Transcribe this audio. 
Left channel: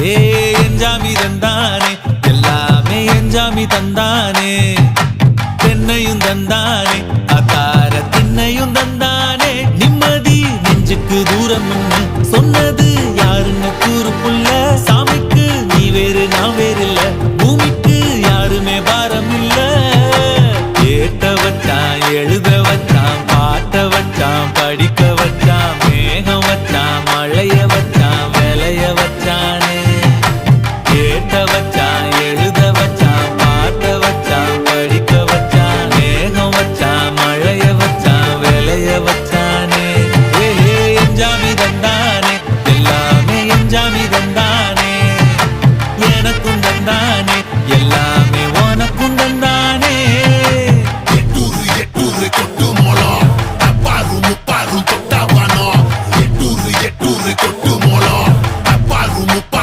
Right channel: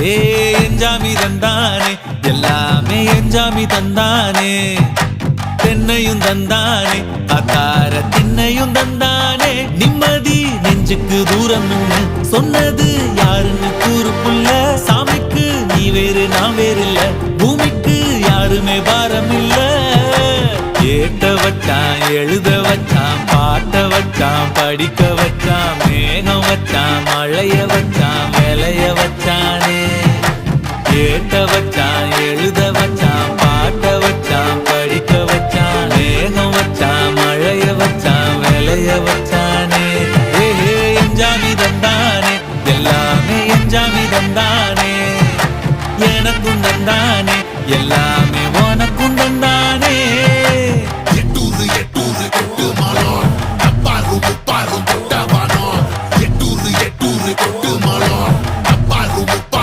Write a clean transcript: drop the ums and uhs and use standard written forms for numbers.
ஏ எஞ்சாமி தந்தானே எல்லாமே எஞ்சாமி தந்தானே தென்னையும் தந்தானே அத்தார திண்ணையும் தந்தானே நிம்மதி நெஞ்சுக்கு தூரம்னு சொன்னது யாருன்னு கூறு புள்ள சாமிக்கு நீ வேறு நான் வேறு இல்ல பூமிக்கு யாருமே பாரம் இல்ல ஏத்த வச்சான் எழுத வச்சான் பாட்ட வச்சான் படிக்க வச்சான் மேகம் வச்சான் மழைய வச்சான் விளைய வச்சானே ஏத்த வச்சான் எழுத வச்சான் பாட்ட வச்சான் படிக்க வச்சான் மேகம் வச்சான் மழைய வச்சான் விளைய வச்சானே ஏஹே எஞ்சாமி தந்தானே எல்லாமே எஞ்சாமி தந்தானே எனக்கும் தந்தானே எல்லாமே உனக்கும் தந்தானே